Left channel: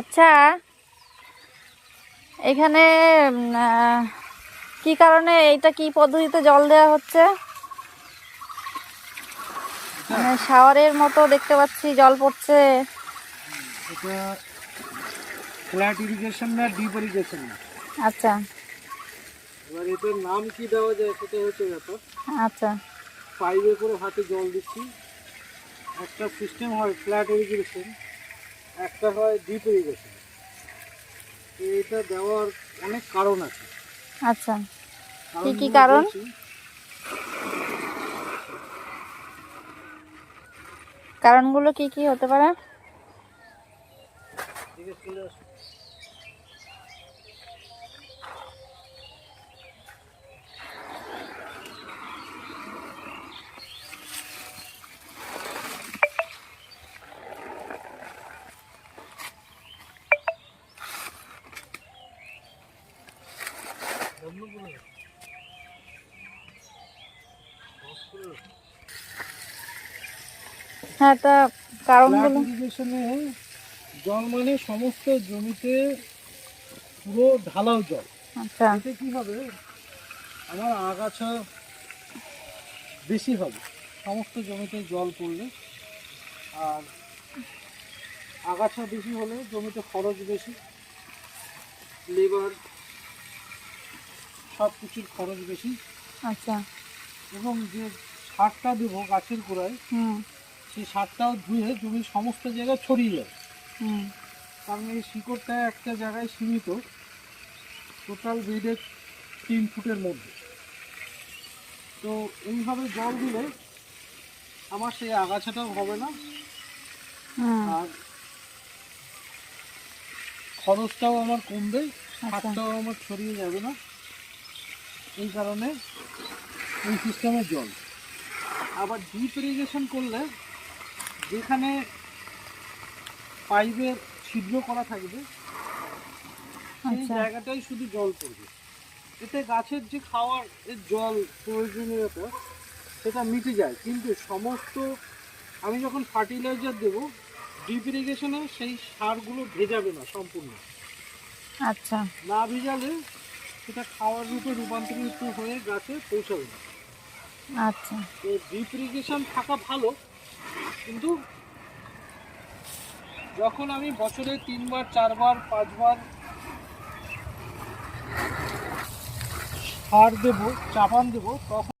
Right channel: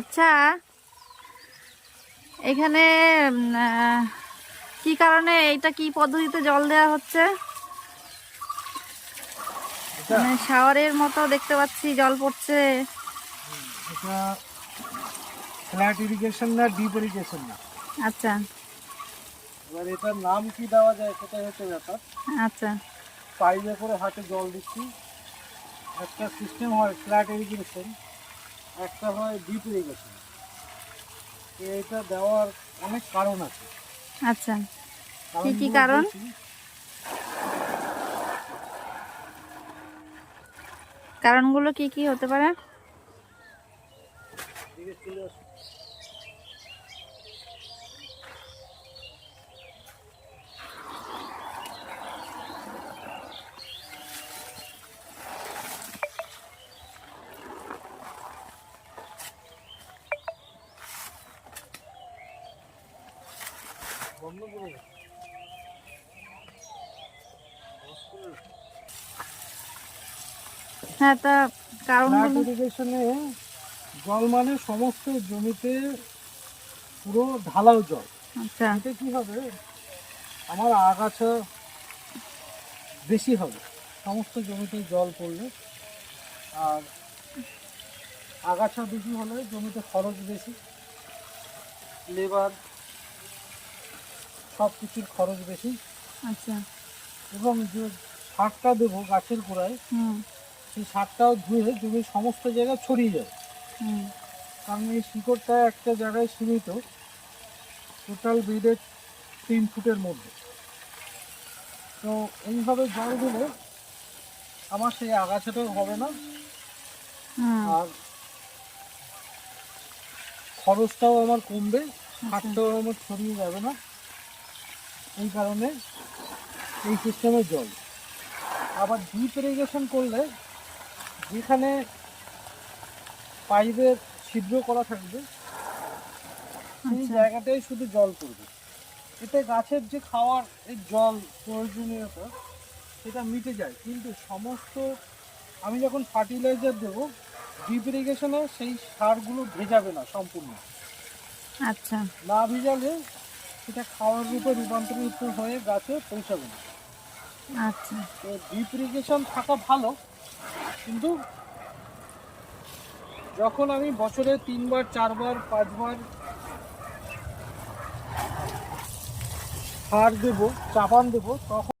আচ্ছা, এখানে কি কারণে এইটা কি পদ্ধতিতে জল দেওয়া হচ্ছে? মানে শাওয়ারের মতো দেখতে পাচ্ছি জল পড়ছে। এটা ফ্ল্যাট ইরিগেশন না ডিপ ইরিগেশন না। আচ্ছা এবার এটার নাম কি দেওয়া যায় সেটা হচ্ছে ব্যাপার। আচ্ছা পাইপে করে হাতে জল দিচ্ছি। একটা সিস্টেম হয় ফ্ল্যাট ইরিগেশন, একটা হয় ডিপ ইরিগেশন। এটা দেওয়ার অনেক কারণ আছে। আচ্ছা, কি কি কারণ? কারণগুলো কি কি হতে পারে? জিজ্ঞেস করলে আসুন। বন্ধ করে দাও। হ্যাঁ, তা কারণগুলো। ফ্ল্যাট ইরিগেশনে জল মানে সমস্ত জমিতে পুরো ঢালাও জল। আচ্ছা এতে কি হবে, আমার আগাছা বেশি হবে সমস্ত জমিতে জল পড়লে। আর আগাছা বেশি হলে জমিতে খরচ বেশি, লেবার সব কিছুর খরচ বেশি। আচ্ছা। এবং যে সারটা দেবো গাছের গোড়ায়, সেই সারটাও ধুয়ে জমির সমস্ত জায়গায় ছড়িয়ে যায়। কারণ এই শিকড়টা একটা জায়গায় সীমিত, টোটাল বেডের 3 ফুটের মধ্যে। তো এইভাবে জল দিলে আমার সেই আগাছাটাও হবে না, আর খরচটাও আমার কমবে, সারটাও আমার ছড়িয়ে যাবে না। এই কারণে এই সিস্টেমের জল। আবার ডিপ ইরিগেশন করলে যেখানে পাইপের ছিদ্র করা থাকবে সেই জায়গাটাই শুধু জল পড়বে। এতে গাছের যে খাওয়ার জল প্রয়োজনীয়তা সেটা মিটে যায়। কিন্তু সমস্ত আমি যখন ফার্টিলাইজার দেবো ডিপ ইরিগেশনে, সেই সারগুলো ভেজাবে না সম্পূর্ণ। আচ্ছা, না ভিজালে সেটা খাওয়ার রূপে রূপান্তরিত হয়ে গাছে পৌঁছাবে না। আচ্ছা। তো ডিপ ইরিগেশন থাকা ভালো, কিন্তু যখন আমি বছরে 3 বার 4 বার 5 বার সার দেবো, চাপান দেবো, তখন